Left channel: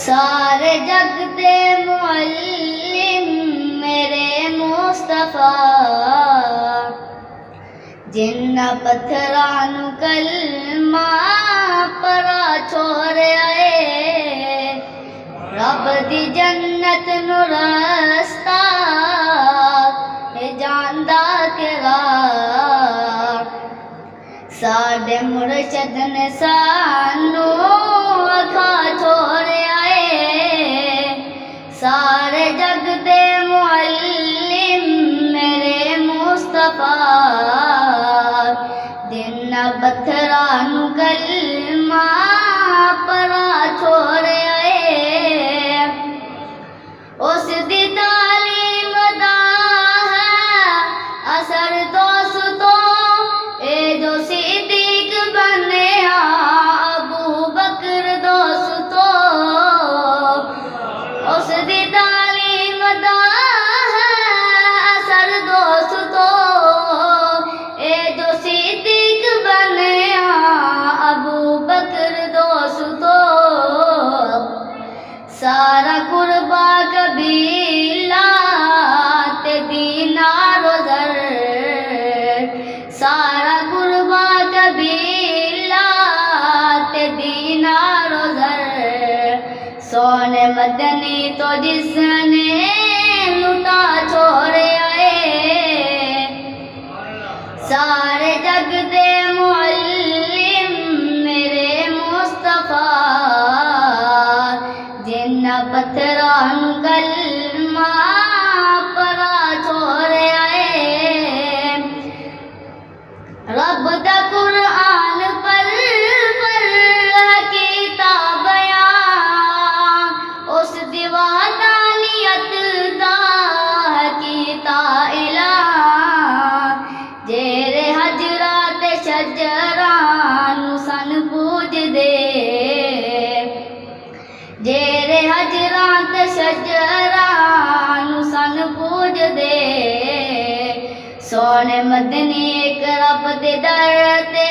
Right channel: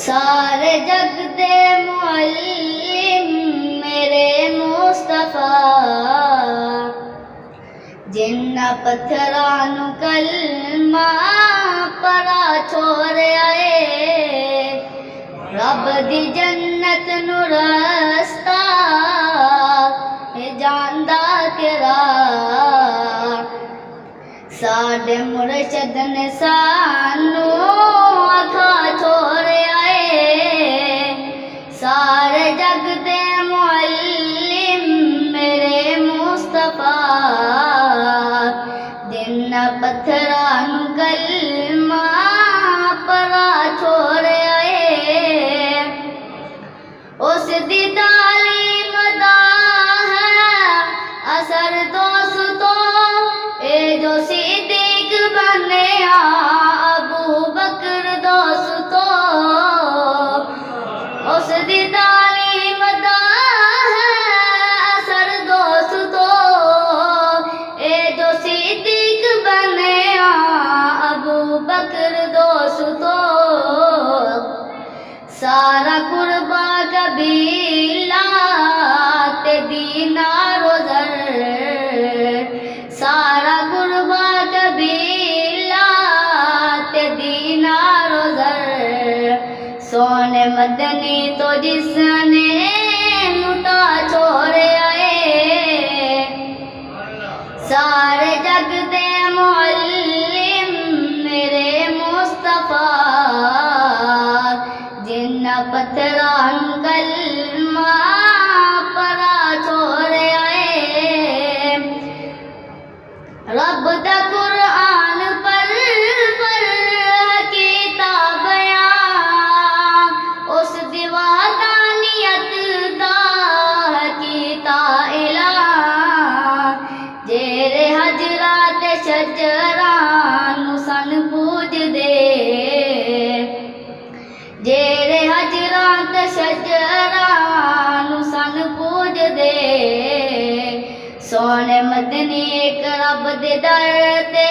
سارے جگ دے معلم میرے مصطفیٰ، جنہ پتھراں نوں کلمہ پرا چھوڑیا اے، رب دی جنت نوں رستہ اے جاندا کیڑا، ساڈے مرشد نے سانوں اکھا چھوڑیا اے، سارے جگ دے معلم میرے مصطفیٰ، جنہ پتھراں نوں کلمہ پرا چھوڑیا اے، اس دی تعلیم دا ہے اثر دوستو، اے جو صدیق بنیا ابو بکر دوستو، اس دی تعلیم دا ہے اثر دوستو، اے جو صدیق بنیا ابو بکر دوستو، سارا قربا قبیلہ تے دینار و زر، سارا قربا قبیلہ تے دینار و زر، سونے مدنی تو جس نے لٹا چھوڑیا اے، سارے جگ دے معلم میرے مصطفیٰ، جنہ پتھراں نوں کلمہ پرا چھوڑیا اے، رب دا قرآن پر کیتا بیان، اس دی وحدانیت دا کیتا اعلان، جیڑے حجراں تے شجراں نوں سن پوج دے، جیڑے حجراں تے شجراں نوں سن پوج دے، سونے مدنی ایک رب دے در تے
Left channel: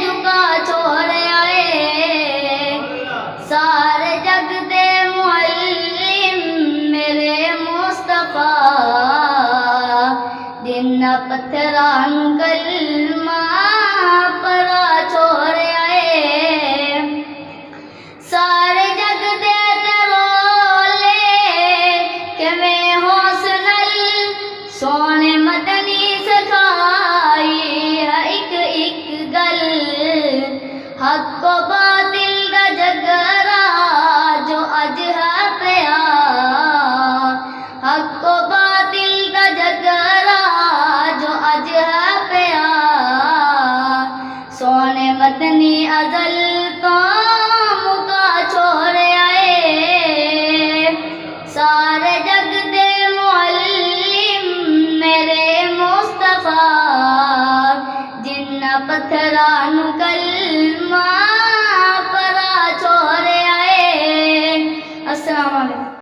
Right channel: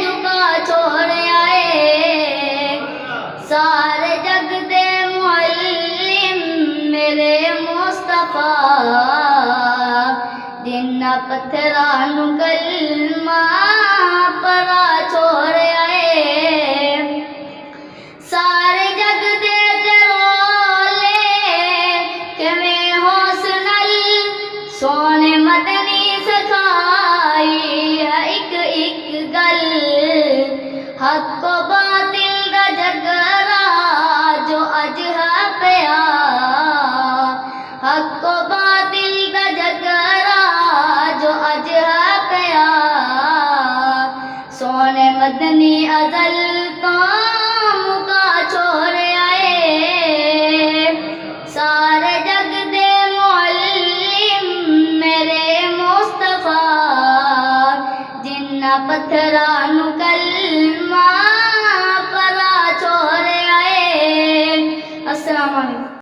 جھکا چھوڑیا اے، سارے جگ دے معلم میرے مصطفیٰ، جنہ پتھراں نوں کلمہ پرا چھوڑیا اے، سارے جگ دے تے رولے کیویں حوصلل، سونے مدنی سکھائی ہے ایک ایک گل، حق و باطل دا جھگڑا جو اج ہے پیا، حق و باطل دا جھگڑا جو اج ہے پیا، سونے مدنی ازل تو مکا چھوڑیا اے، سارے جگ دے معلم میرے مصطفیٰ، جنہ پتھراں نوں کلمہ پرا چھوڑیا اے۔ السلام علیکم۔